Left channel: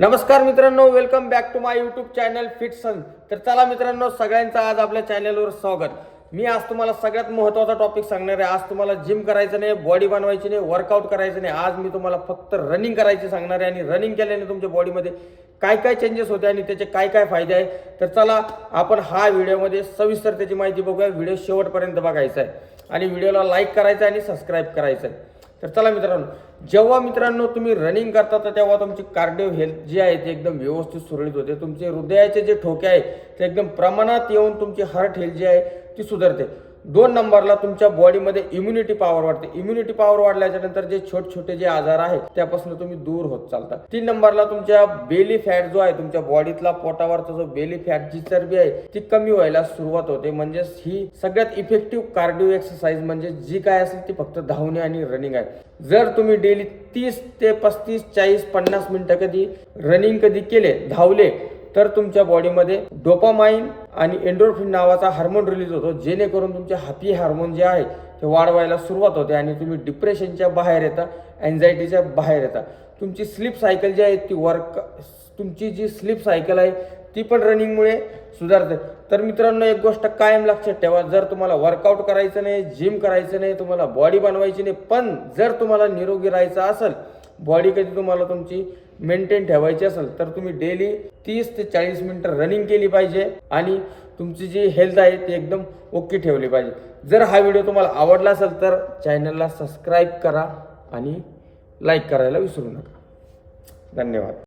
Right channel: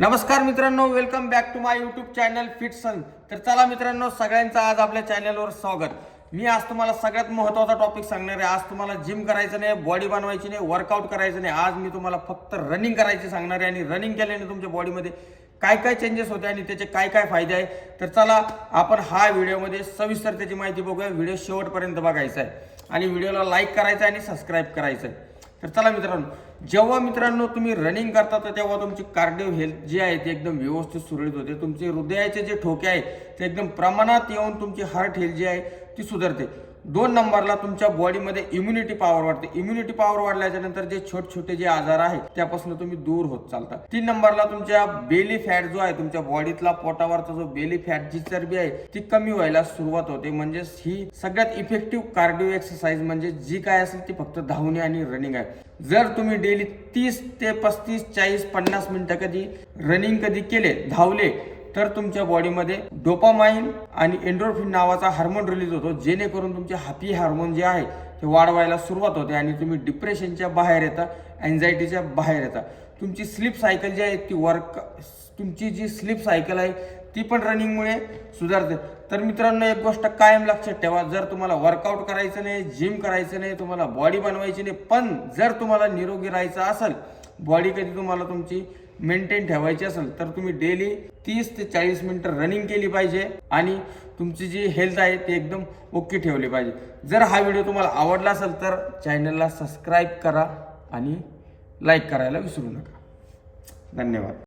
नमस्कार मित्रांनो, welcome back to my YouTube channel Fit Sun. तर चला मित्रांनो, सगळ्यांचं आज आपल्या चॅनलवर स्वागत। मी आज तुम्हाला सगळ्यात महत्त्वाचा टॉपिक सांगणार आहे। आज तुम्हाला जिम करायचं नाही, बॉडी बनवायची नाही, वर्कआउट करायचं नाही। आज मी तुम्हाला फक्त रनिंग करायची सांगणार आहे आणि रनिंग केल्याने तुमच्या बॉडीमध्ये काय काय चेंजेस होते आणि त्याचे काय काय फायदे आहे। तर चला आपण हा व्हिडिओमध्ये सविस्तर त्याची माहिती बघूया। व्हिडिओ शेवटपर्यंत बघायचा आहे आणि व्हिडिओला लाईक करायचा आणि सबस्क्राईब करायचं आहे। तर चला मित्रांनो, जेव्हा मित्रांनो तुम्ही रनिंग करता तर तेव्हा तुमची कार्डिओ हेल्थ जी आहे ती एकदम व्यवस्थित सुरळीत होते। तुमचे हृदयाचे जे ठोके आहे ते एकदम प्रमाणात येऊन तुमची हार्ट हेल्थ जी आहे ती सुधारते। 2 नंबरला तुमच्या बॉडीमध्ये इम्युनिटी पॉवर वाढते। इम्युनिटी पॉवर वाढल्याच्या नंतर जे छोटे छोटे जे आजार आहेत त्यापासून तुम्ही दूर होत चालता। 3 नंबरला तुमच्या बेली फॅट जो आहे, तुमच्या बॉडीतला पोटावरचा जो बेली फॅट जी चरबी आहे ती कमी व्हायला सुरुवात होते। म्हणजे ही सगळ्यात इफेक्टिव्ह कार्डिओ एक्सरसाइज म्हणजे जी काय असेल ती फक्त धावणे आणि रनिंग आहे। जर तुम्ही डेली 30 ते 35 40 50 मिनिटं कधी रनिंग कधी केले, धावले, तर तुमच्या बॉडीमध्ये डोपामाइन आणि एंडोर्फिन नावाचा हार्मोन रिलीज होतो, जेणेकरून तुमचे हॅपी हार्मोन जे आहे ते वाढवायला सुरुवात होते आणि तुम्ही डिप्रेशनच्या बाहेर येता, अँझायटीच्या बाहेर येता। तुमची स्लीप सायकल जी आहे तुमची जी स्लीप सायकल आहे ती पण रनिंगमुळे सुधारते। तर मित्रांनो, एक गोष्ट कायम लक्षात ठेवा, जर तुम्हाला वर्कआउट करायचं नाही, जिम करायचं नाही, तुम्हाला बॉडी बनवायची नाही, पण जर तुम्हाला निरोगी राहायचं असेल, बॉडी कधी तुम्हाला तुमची मेंटेन ठेवायची असेल, तर तुम्ही डेली 30 ते 40 मिनिटं रनिंग केली पाहिजे आणि तुमची जी हेल्थ आहे ती एकदम ओके ठेवली पाहिजे। जर हा व्हिडिओ तुम्हाला आवडला असेल तर चॅनलला सबस्क्राईब करा आणि लाईक करायला विसरू नका। धन्यवाद।